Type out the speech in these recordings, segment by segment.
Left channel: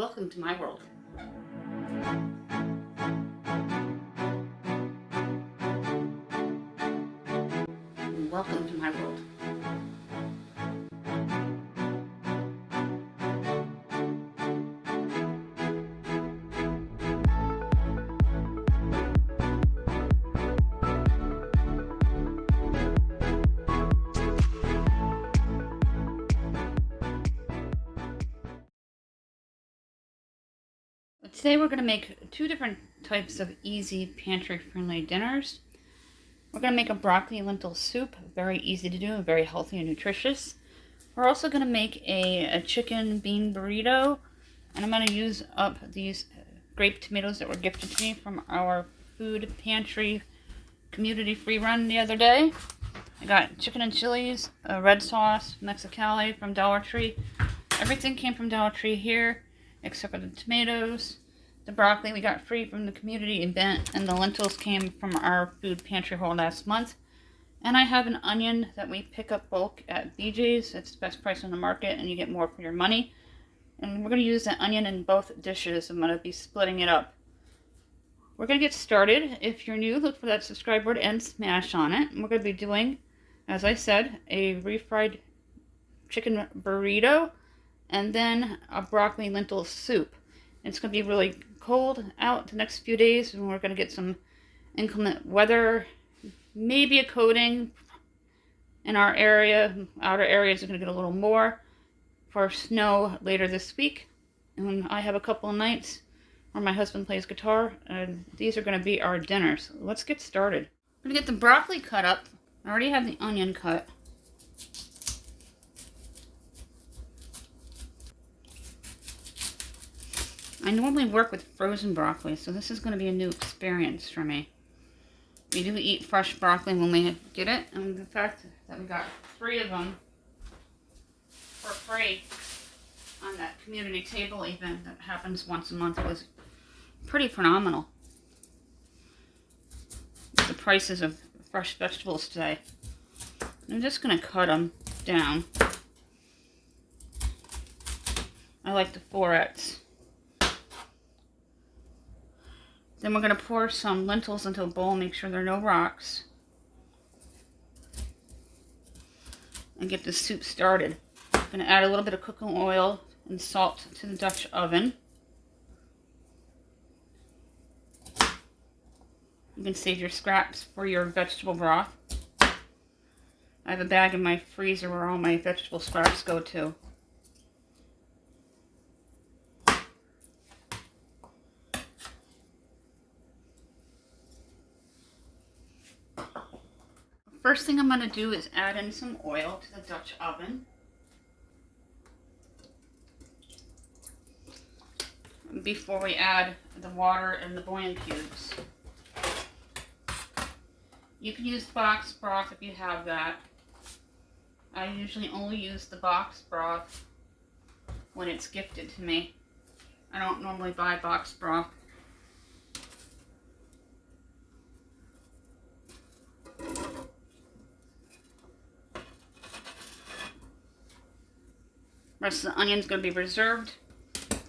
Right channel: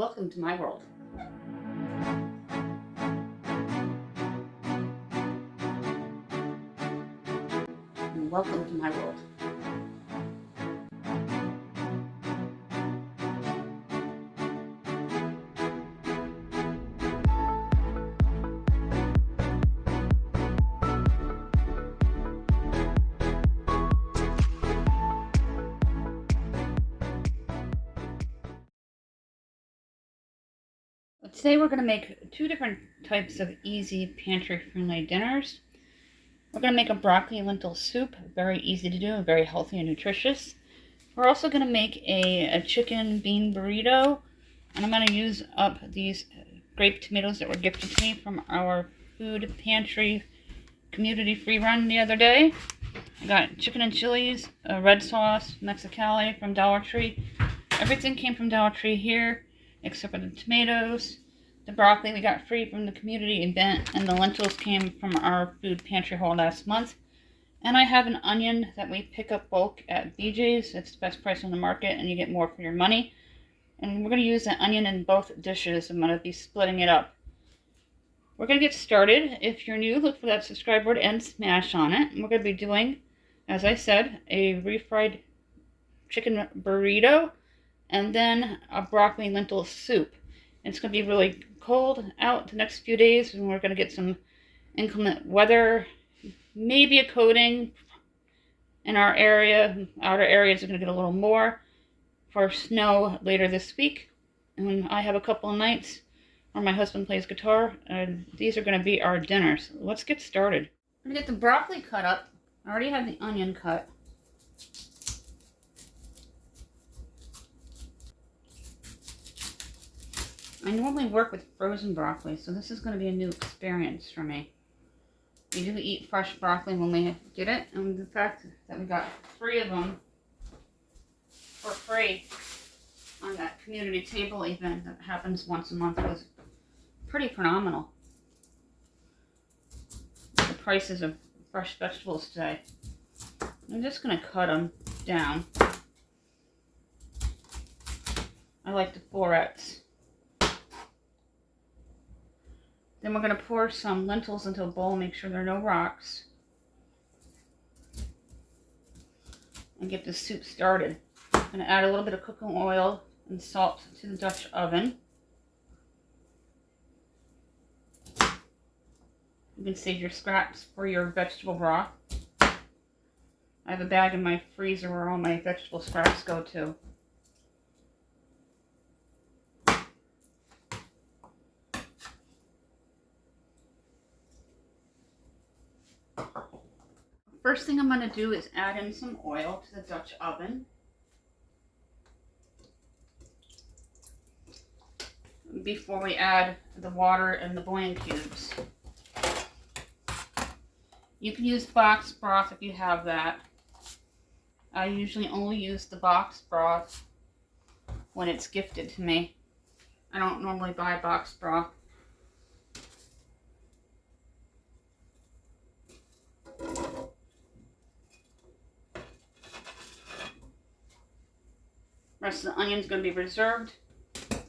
Welcome to my world. Welcome to my world. Today we're going to make two different types of easy pantry-friendly dinners. We're going to make a broccoli lentil soup, very easy to do and very healthy and nutritious. We're also going to make a chicken bean burrito, and I'm going to use up these grape tomatoes that were gifted to me from our food pantry community free run the other day. I got chicken and chilies, a red sauce, Mexicali from Dollar Tree. Everything came from Dollar Tree here except for the tomatoes. The broccoli we got free from the community event, and the lentils came from our food pantry haul last month. And I have an onion that we pick up bulk at BJ's. It's the best price on the market and you get more for your money. And we're going to use that onion in both dishes. I'm going to be splitting it up. We're going to get started. If you're new, look for that subscribe button and smash on it. And we're going to be doing, as I said, a refried chicken burrito and then a broccoli lentil soup. It's going to be really cold out the next few days, and we're going to get some inclement weather, maybe a coating in our area. Outer areas are going to get a little more for snow later this week. And I have a couple of nights where my husband plays guitar, and these are going to be our dinners. Let's get started. I'm going to get the broccoli cut up. I already have the onion cut. I normally work with frozen broccoli, so this is going to be a new experience for me. We do eat fresh broccoli when we get it, and the fact that we got 3 of them for free on that community table event that happens once a month is pretty phenomenal. The prices of fresh vegetables today. I'm just going to cut them down. I like the florets. Then we're going to pour some lentils into a bowl, make sure there are no rocks, and get the soup started. I'm going to add a little bit of cooking oil and salt to the Dutch oven. You can save your scraps for your vegetable broth. I have a bag in my freezer where all my vegetable scraps go to. First thing I'm going to do is add in some oil to the Dutch oven. Before we add the water and the bouillon cubes. You can use box broth if you have that. I usually only use the box broth when it's gifted to me. I don't normally buy box broth. The rest of the onion is going to be reserved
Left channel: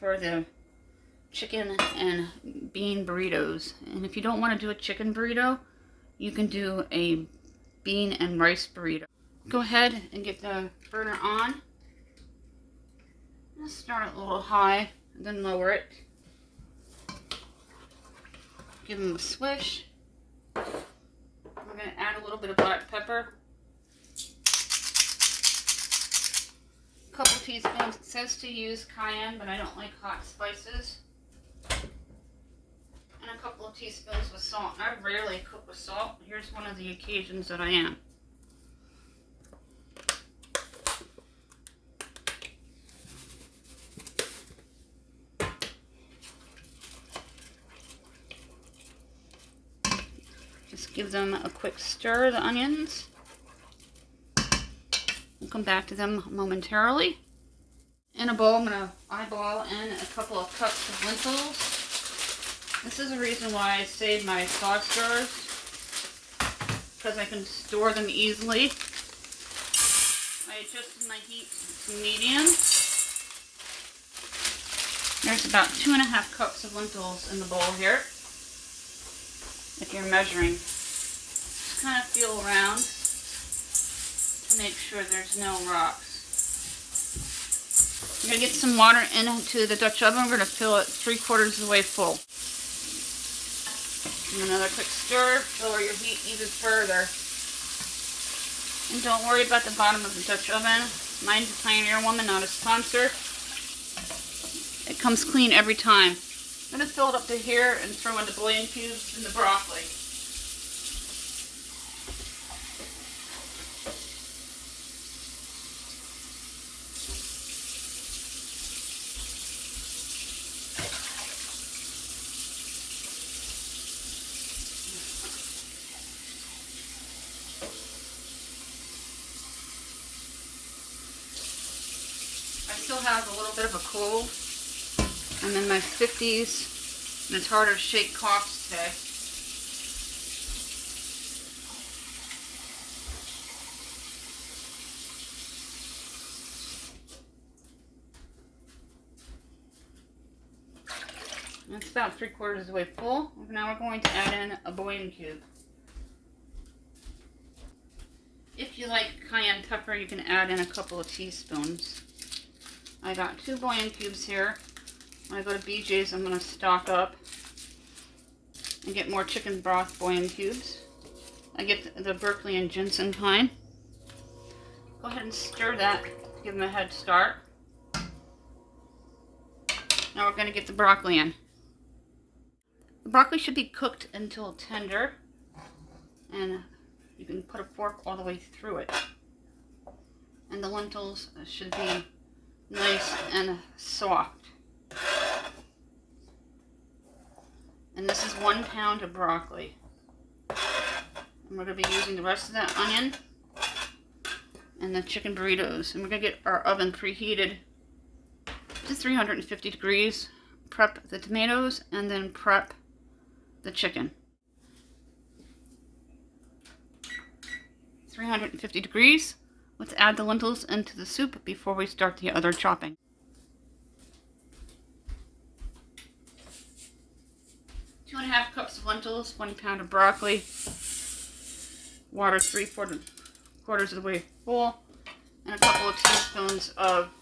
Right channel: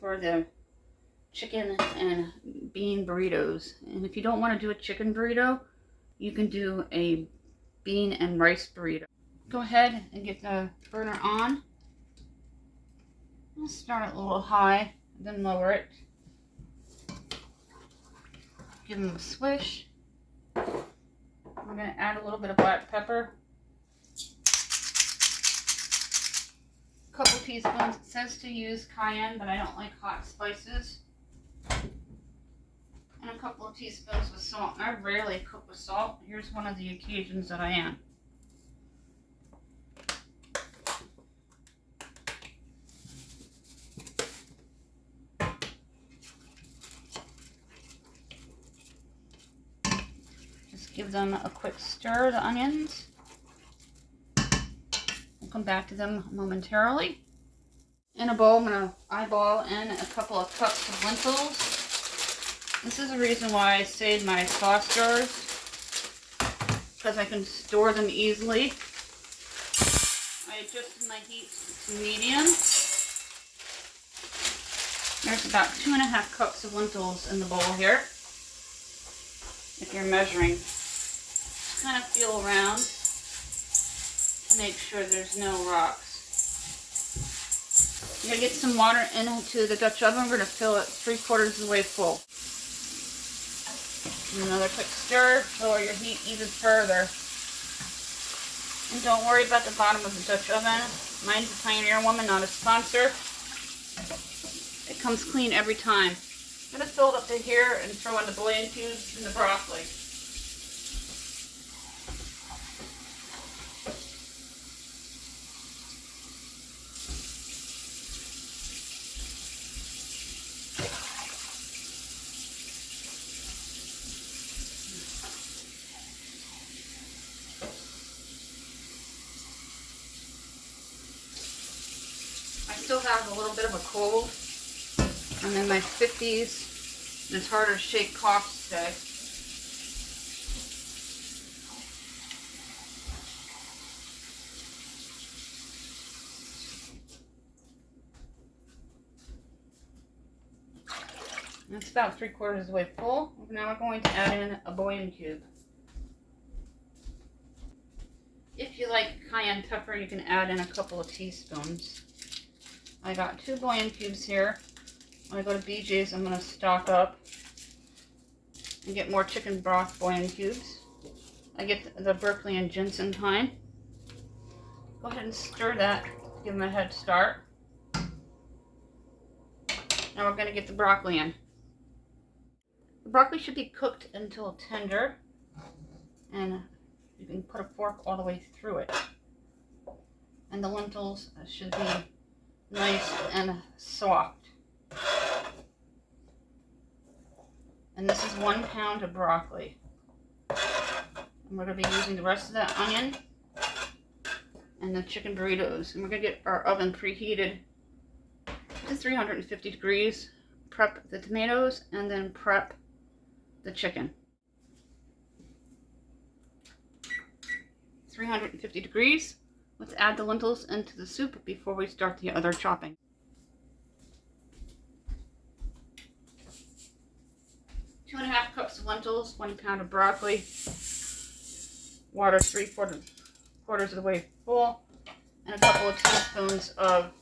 for the chicken and bean burritos. And if you don't want to do a chicken burrito, you can do a bean and rice burrito. Go ahead and get the burner on. Just start it a little high, then lower it. Give them a swish. We're going to add a little bit of black pepper. Couple teaspoons. It says to use cayenne, but I don't like hot spices. And a couple of teaspoons of salt. And I rarely cook with salt. Here's one of the occasions that I am. Just give them a quick stir, the onions. We'll come back to them momentarily. In a bowl, I'm going to eyeball in a couple of cups of lentils. This is the reason why I save my sauce jars, because I can store them easily. I adjusted my heat to medium. There's about 2.5 cups of lentils in the bowl here. If you're measuring, kind of feel around to make sure there's no rocks. You're going to get some water into the Dutch oven. We're going to fill it 3/4 of the way full. Another quick stir, lower your heat even further. And don't worry about the bottom of the Dutch oven. Mine's a Pioneer Woman, not a sponsor. It comes clean every time. I'm going to fill it up to here and throw in the bouillon cubes and the broccoli. I still have a little bit of a cold. I'm in my 50s, and it's harder to shake coughs today. It's about 3/4 of the way full. Now we're going to add in a bouillon cube. If you like cayenne pepper, you can add in a couple of teaspoons. I got 2 bouillon cubes here. When I go to BJ's, I'm going to stock up and get more chicken broth bouillon cubes. I get the Berkeley and ginseng kind. Go ahead and stir that, give them a head start. Now we're going to get the broccoli in. The broccoli should be cooked until tender, and you can put a fork all the way through it. And the lentils should be nice and soft. And this is 1 pound of broccoli. And we're going to be using the rest of that onion and the chicken burritos. And we're going to get our oven preheated to 350 degrees. Prep the tomatoes and then prep the chicken. 350 degrees. Let's add the lentils into the soup before we start the other chopping. 2.5 cups of lentils, 1 pound of broccoli, water 3/4 of the way full, and a couple of teaspoons of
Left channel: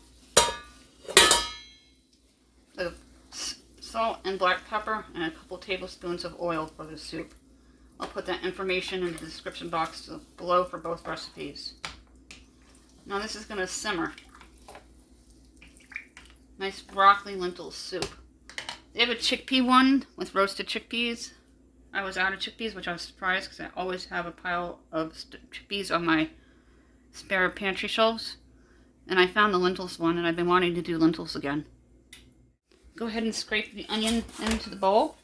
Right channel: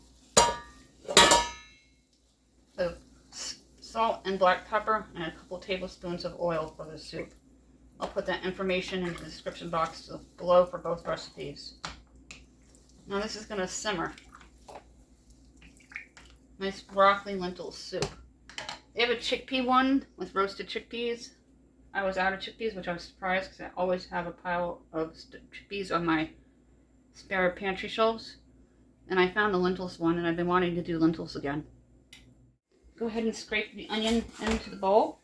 salt and black pepper, and a couple tablespoons of oil for the soup. I'll put that information in the description box below for both recipes. Now this is going to simmer. Nice broccoli lentil soup. They have a chickpea one with roasted chickpeas. I was out of chickpeas, which I was surprised because I always have a pile of chickpeas on my spare pantry shelves. And I found the lentils one, and I've been wanting to do lentils again. Go ahead and scrape the onion into the bowl.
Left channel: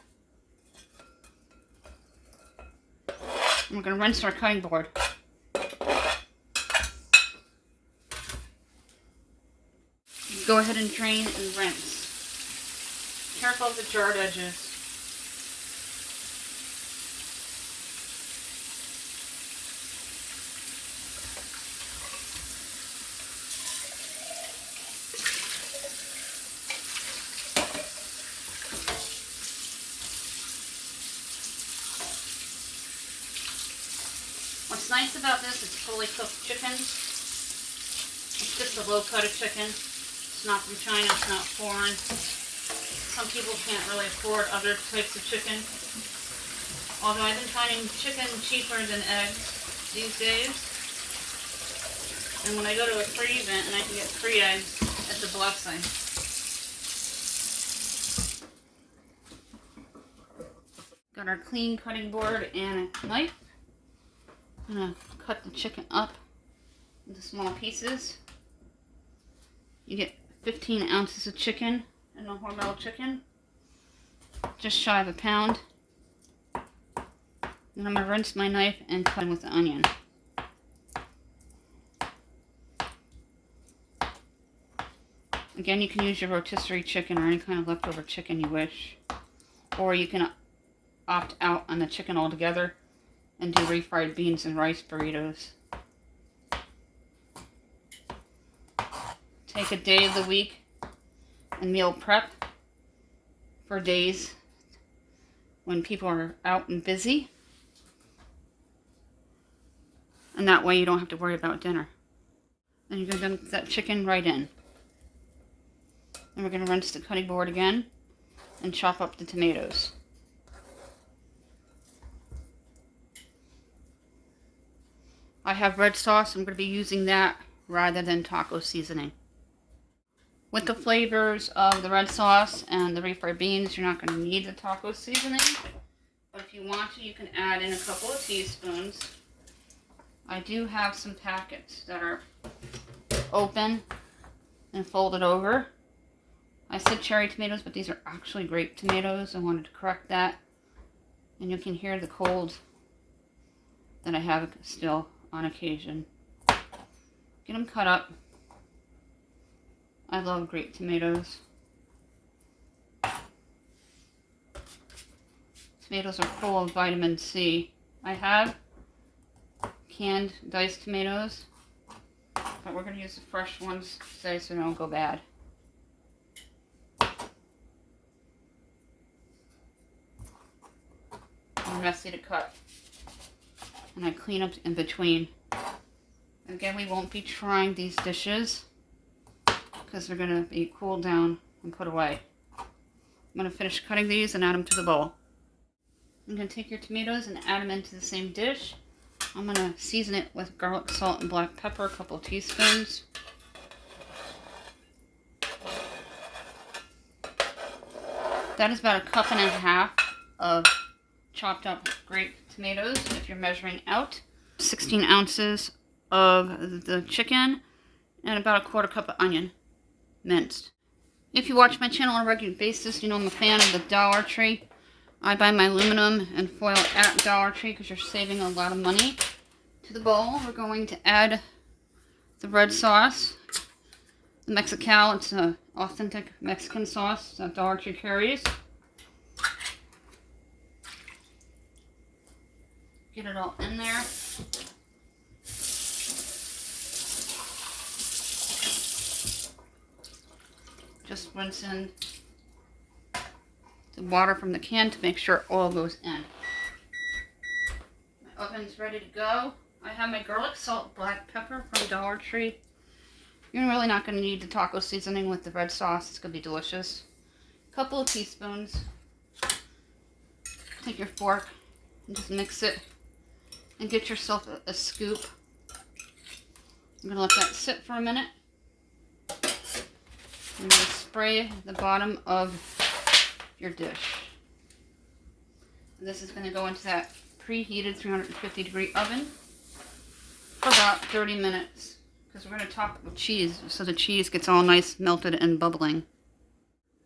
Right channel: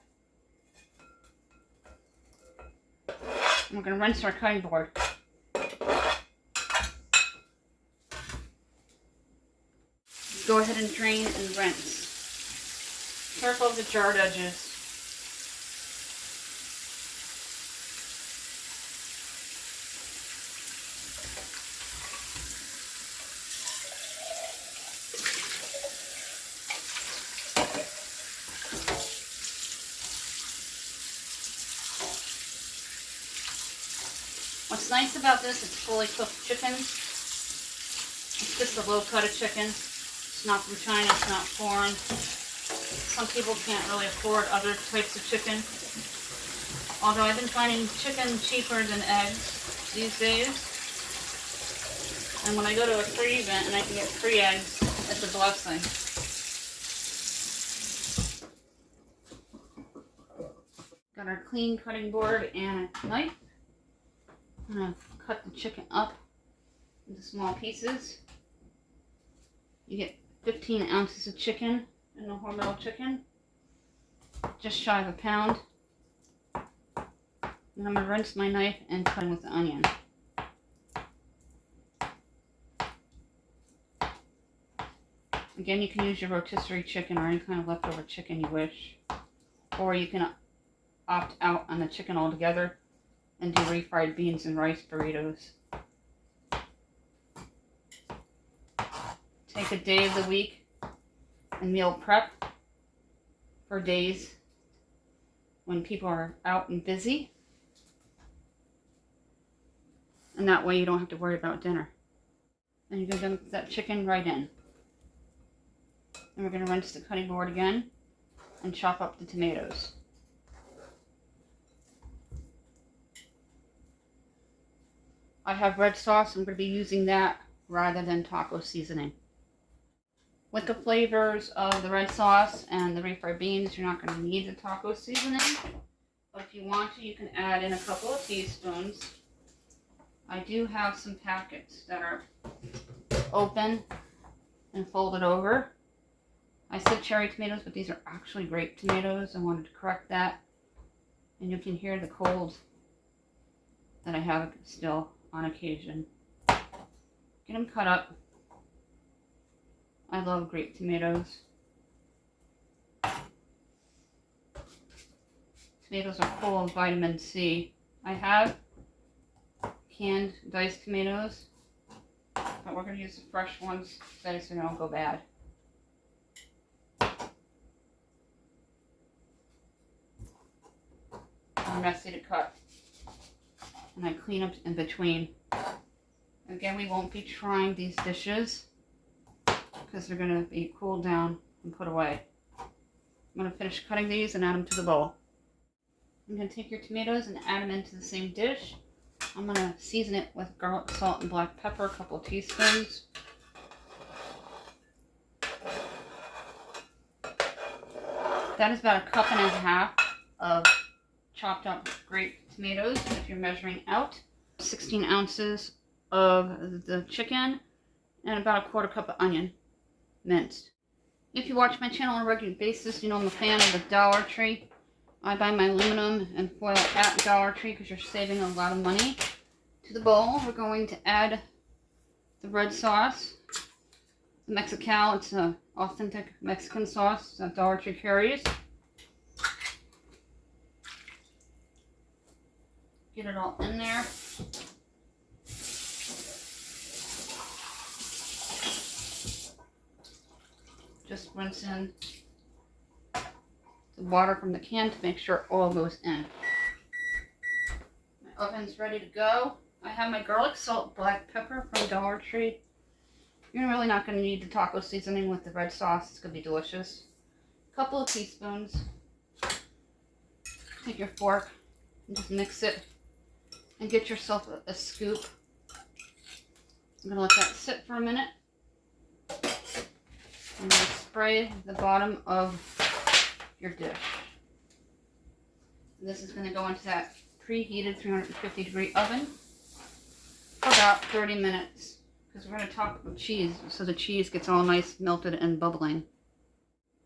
And we're going to rinse our cutting board. Go ahead and drain and rinse. Careful of the jarred edges. What's nice about this is fully cooked chicken. It's just a low cut of chicken. It's not from China, it's not foreign. Some people can't really afford other types of chicken. Although I've been finding chicken cheaper than eggs these days. And when I go to a free event and I can get free eggs, it's a blessing. Got our clean cutting board and a knife. I'm going to cut the chicken up into small pieces. You get 15 ounces of chicken in a Hormel chicken, just shy of a pound. And I'm going to rinse my knife and cut in with the onion. Again, you can use your rotisserie chicken or any kind of leftover chicken you wish. Or you can opt out on the chicken altogether and do refried beans and rice burritos. Take a day of the week and meal prep for days when people are out and busy. And that way you don't have to worry about dinner. And you're going to dump that chicken right in. And we're going to rinse the cutting board again and chop up the tomatoes. I have red sauce. I'm going to be using that rather than taco seasoning. With the flavors of the red sauce and the refried beans, you're not going to need the taco seasoning. But if you want to, you can add in a couple of teaspoons. I do have some packets that are open and folded over. I said cherry tomatoes, but these are actually grape tomatoes. I wanted to correct that. And you can hear the cold that I have still on occasion. Get them cut up. I love grape tomatoes. Tomatoes are full of vitamin C. I have canned diced tomatoes, but we're going to use the fresh ones today so they don't go bad. They're messy to cut, and I clean up in between. Again, we won't be trying these dishes because they're going to be cooled down and put away. I'm going to finish cutting these and add them to the bowl. I'm going to take your tomatoes and add them into the same dish. I'm going to season it with garlic, salt, and black pepper, a couple teaspoons. That is about a cup and a half of chopped up grape tomatoes if you're measuring out. 16 ounces of the chicken and about a quarter cup of onion minced. If you watch my channel on a regular basis, you know I'm a fan of the Dollar Tree. I buy my aluminum and foil at Dollar Tree because you're saving a lot of money. To the bowl, we're going to add the red sauce. The Mexicali, it's an authentic Mexican sauce that Dollar Tree carries. Get it all in there. Just rinse in the water from the can to make sure all goes in. My oven's ready to go. I have my garlic, salt, black pepper from Dollar Tree. You're really not going to need the taco seasoning with the red sauce. It's going to be delicious. A couple of teaspoons. Take your fork and just mix it and get yourself a scoop. I'm going to let that sit for a minute. I'm going to spray the bottom of your dish. This is going to go into that preheated 350 degree oven for about 30 minutes because we're going to top it with cheese so the cheese gets all nice melted and bubbling.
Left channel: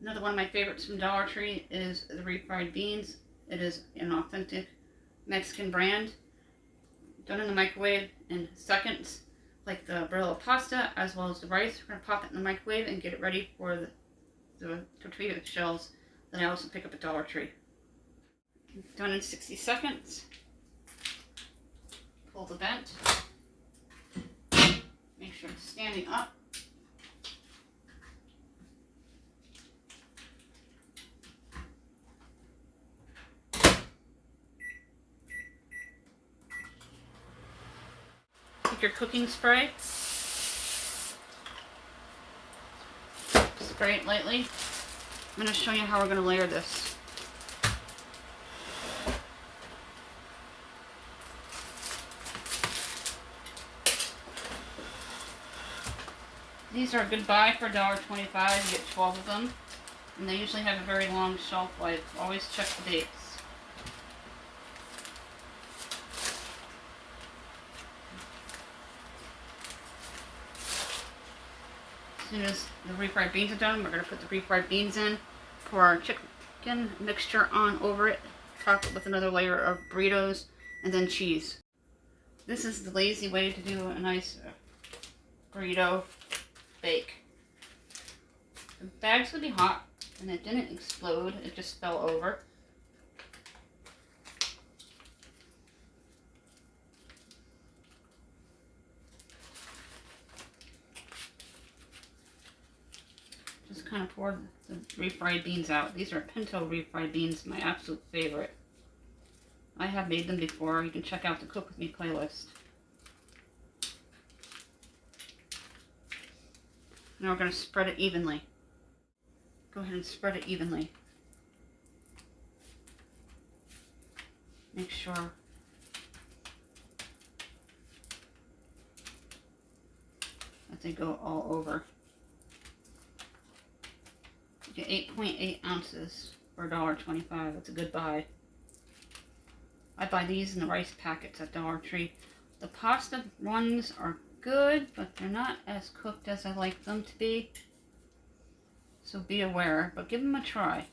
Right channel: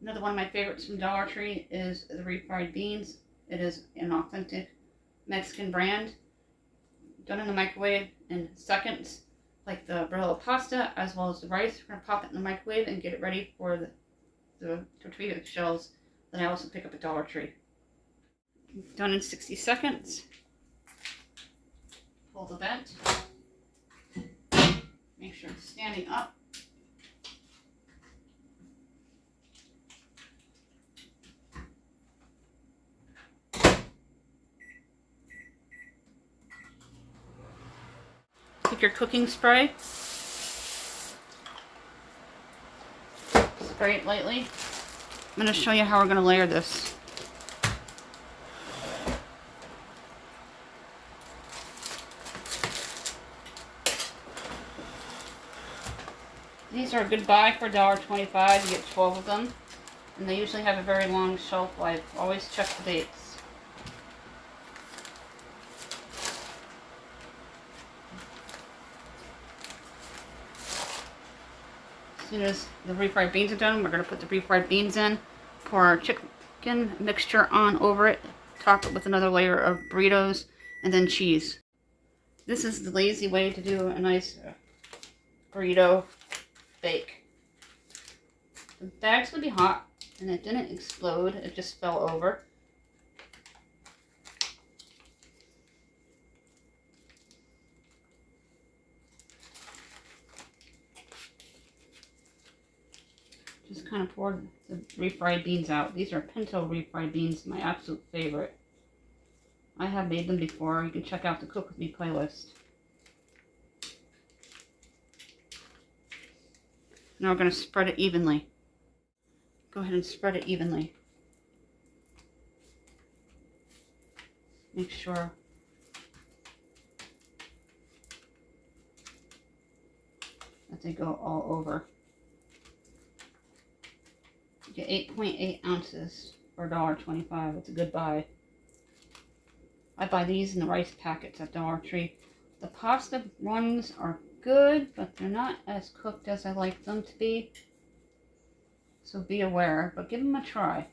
Another one of my favorites from Dollar Tree is the Refried Beans. It is an authentic Mexican brand. Done in the microwave in seconds, like the Burritos pasta as well as the rice. We're going to pop it in the microwave and get it ready for the Tortilla Shells that I also pick up at Dollar Tree. Done in 60 seconds. Pull the vent. Make sure it's standing up. Take your cooking spray. Spray it lightly. I'm going to show you how we're going to layer this. These are a good buy for $1.25. You get 12 of them. And they usually have a very long shelf life. Always check the dates. As soon as the refried beans are done, we're going to put the refried beans in, pour our chicken mixture on over it, top it with another layer of burritos, and then cheese. This is the lazy way to do a nice burrito bake. The bag's going to be hot, and it didn't explode, it just fell over. Just kind of pour the refried beans out. These are pinto refried beans, my absolute favorite. I have made them before. You can check out the Cook With Me playlist. Now we're going to spread it evenly. Go ahead and spread it evenly. Make sure that they go all over. You get 8.8 ounces for $1.25. That's a good buy. I buy these in the rice packets at Dollar Tree. The pasta ones are good, but they're not as cooked as I like them to be. So be aware, but give them a try.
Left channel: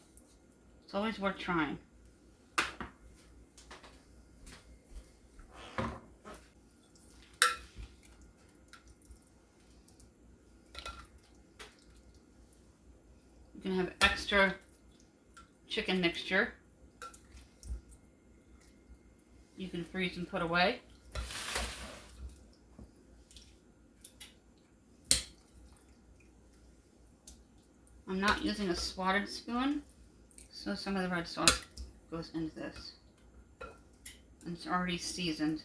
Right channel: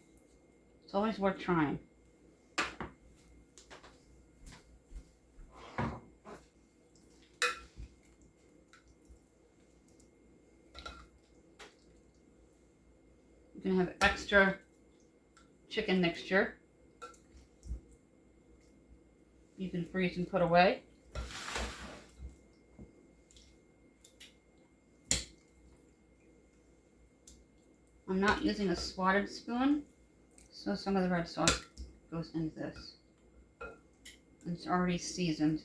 It's always worth trying. You can have extra chicken mixture. You can freeze and put away. I'm not using a swatted spoon, so some of the red sauce goes into this. And it's already seasoned.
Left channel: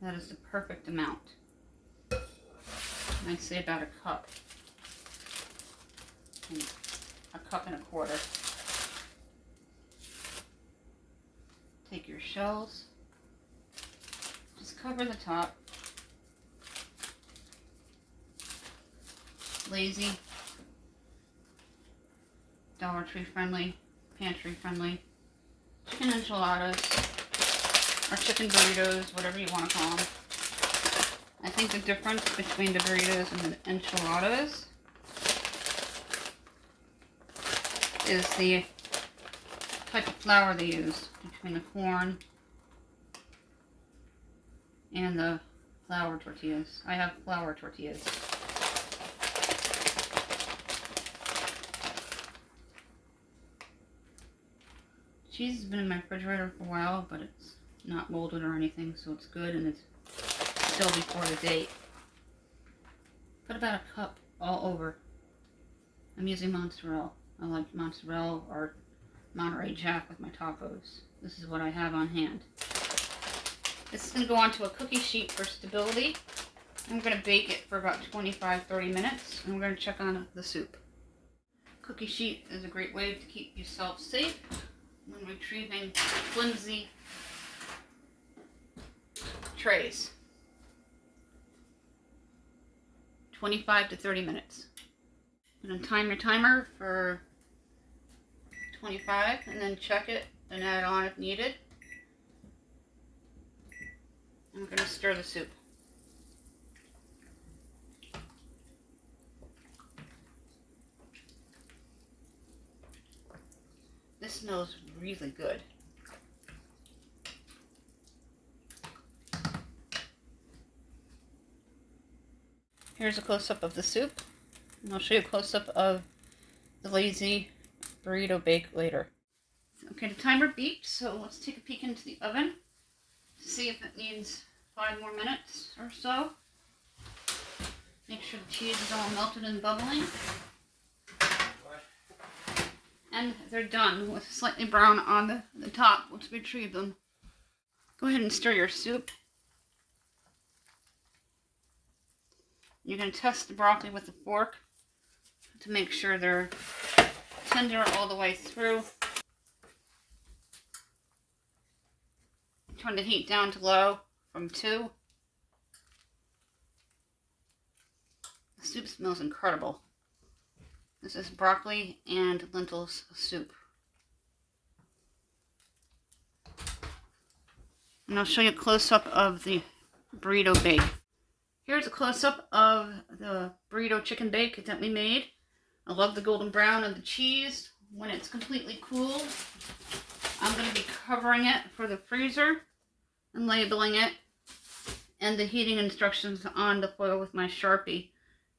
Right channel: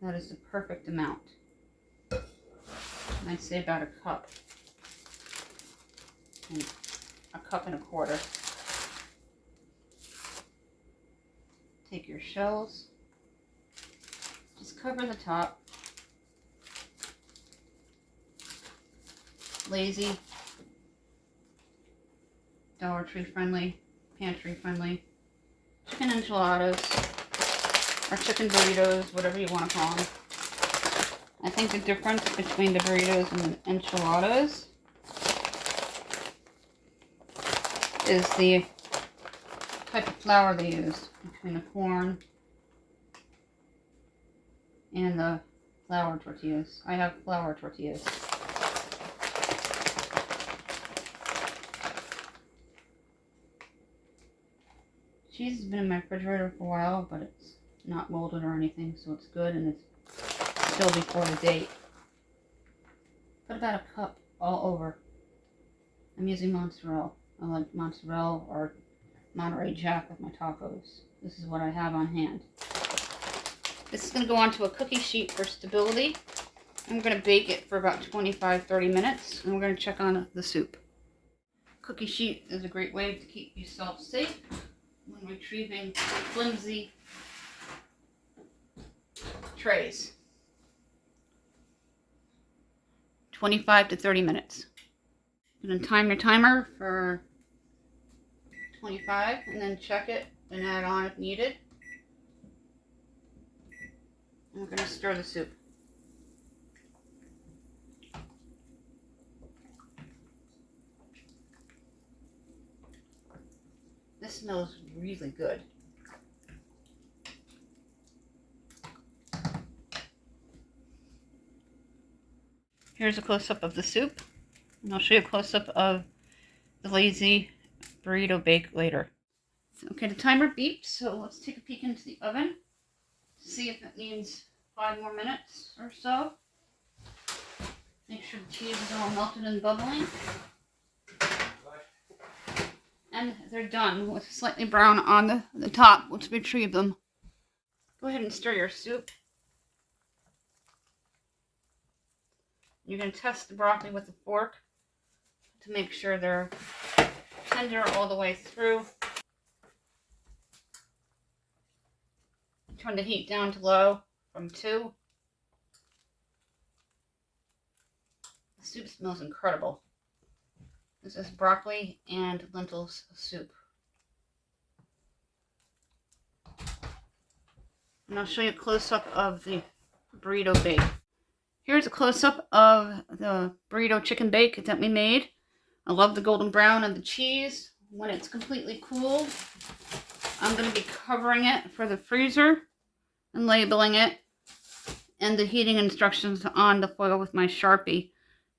That is the perfect amount. I'd say about a cup. And a cup and a quarter. Take your shells. Just cover the top. Lazy, Dollar Tree friendly, pantry friendly, chicken enchiladas, or chicken burritos, whatever you want to call them. I think the difference between the burritos and the enchiladas is the type of flour they use between the corn and the flour tortillas. I have flour tortillas. Cheese has been in my refrigerator for a while, but it's not molded or anything, so it's good, and it's still before the date. Put about a cup all over. I'm using mozzarella. I like mozzarella or Monterey Jack with my tacos. This is what I have on hand. This is going to go onto a cookie sheet for stability. I'm going to bake it for about 25-30 minutes, and we're going to check on the soup. Cookie sheet is a great way to keep yourself safe when retrieving flimsy trays. 25 to 30 minutes. I'm going to time your timer for 25 and then check it and add it on if needed. And we're going to stir the soup. This smells really good. Here's a close-up of the soup, and I'll show you a close-up of the lazy burrito bake later. Okay, the timer beeped, so let's take a peek into the oven to see if it needs 5 more minutes or so. Make sure the cheese is all melted and bubbling. And they're done with slightly brown on the top. Let's retrieve them. Go ahead and stir your soup. You're going to test the broccoli with a fork to make sure they're tender all the way through. Turn the heat down to low from 2. The soup smells incredible. This is broccoli and lentils soup. And I'll show you a close-up of the burrito bake. Here's a close-up of the burrito chicken bake that we made. I love the golden brown of the cheese. When it's completely cooled, I'm going to be covering it for the freezer and labeling it, and the heating instructions on the foil with my Sharpie.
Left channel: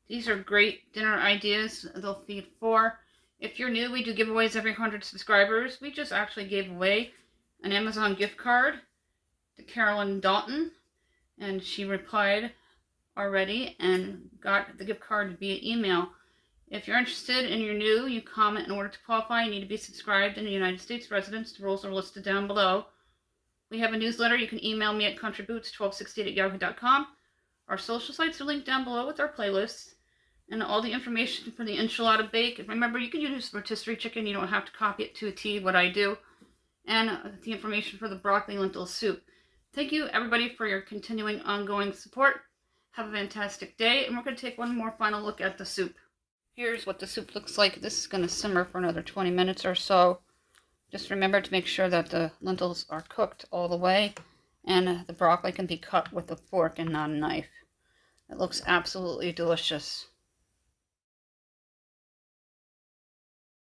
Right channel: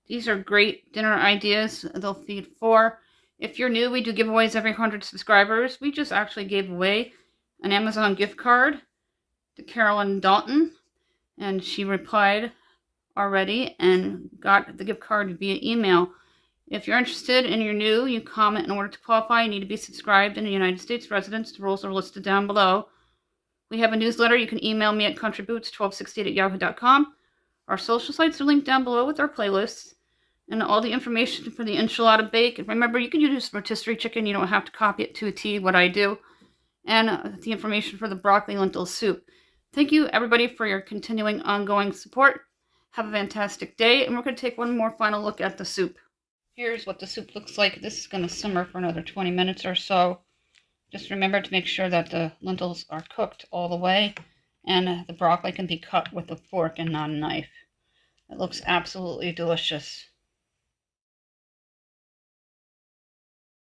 These are great dinner ideas. They'll feed 4. If you're new, we do giveaways every 100 subscribers. We just actually gave away an Amazon gift card to Carolyn Dalton, and she replied already and got the gift card via email. If you're interested and you're new, you comment. In order to qualify, you need to be subscribed and a United States resident. The rules are listed down below. We have a newsletter. You can email me at countryboots1268@yahoo.com. Our social sites are linked down below with our playlists and all the information for the enchilada bake. And remember, you can use rotisserie chicken. You don't have to copy it to a T, what I do. And the information for the broccoli lentil soup. Thank you, everybody, for your continuing ongoing support. Have a fantastic day, and we're going to take one more final look at the soup. Here's what the soup looks like. This is going to simmer for another 20 minutes or so. Just remember to make sure that the lentils are cooked all the way, and the broccoli can be cut with a fork and not a knife. It looks absolutely delicious.